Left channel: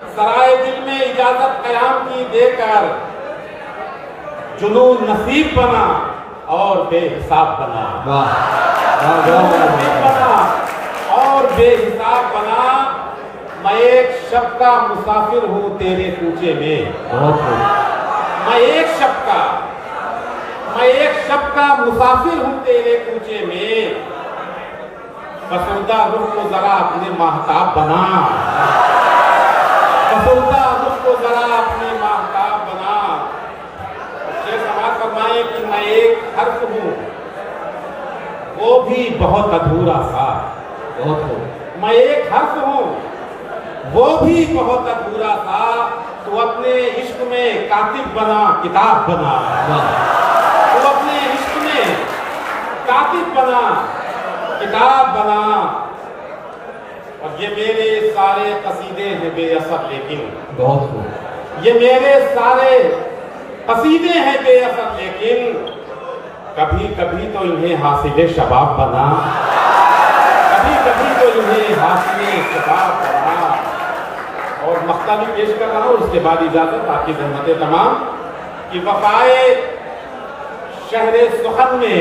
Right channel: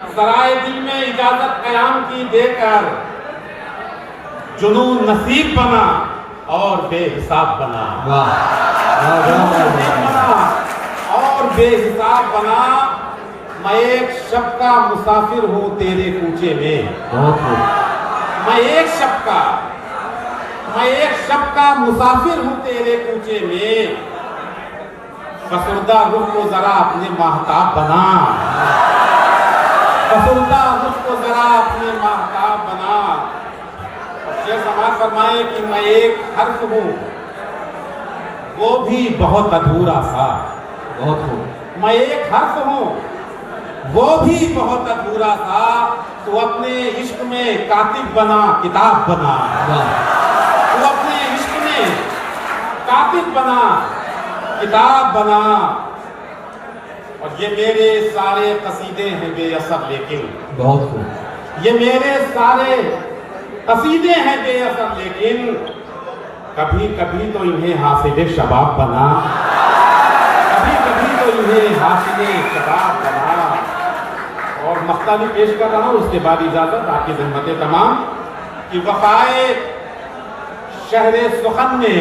सराय दिल में इजाजत कयाम की देकर जुनून नसीब बना और बेहिसाब बना। नसीब बना और बेहिसाब बना। मैं एक शब का मुसाफिर हूँ तेरे कूचे में। मैं एक शब का मुसाफिर हूँ तेरे कूचे में। फसुर्दा रुख को जरा अपने माहताब बना। फसुर्दा रुख को जरा अपने माहताब बना। शेर समाज फरमाए कि मैं एक हर्फ हूँ वो भी बहुत अधूरा सा। मैं एक हर्फ हूँ वो भी बहुत अधूरा सा। तू अपने इश्क में कातिब बना किताब बना। तू अपने इश्क में कातिब बना किताब बना। और ये मेरे सारे कसीदे हैं बेअसर लेकिन ये मेरे सारे कसीदे हैं बेअसर लेकिन कभी कभी तो इन्हें हासिले शबाब बना। कभी कभी तो इन्हें हासिले शबाब बना। और मक्ता भी पेश कर रहा हूँ उसके बाद इजाजत आपकी ज़हमतें तमाम कि वफ़ाए शहरे सुखन में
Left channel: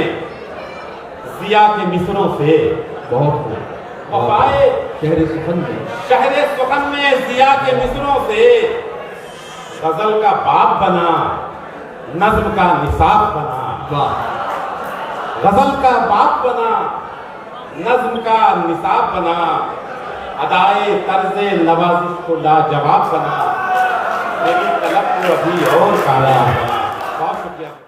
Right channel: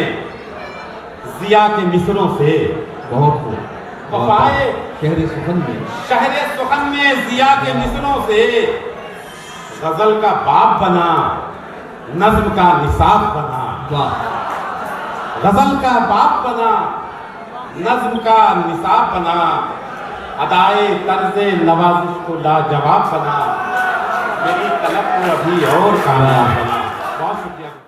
जिया के मिसरों से वफ़ाए शहरे सुखन में जिया के मिसरों से गजल का बाप बना नज्म का निसाब बना। गजल का बाप बना नज्म का निसाब बना। अदाए तर्ज़े नवाज़िश को लाजवाब बना। मेरी तलब को अभी और कामयाब बना। बहुत शुक्रिया।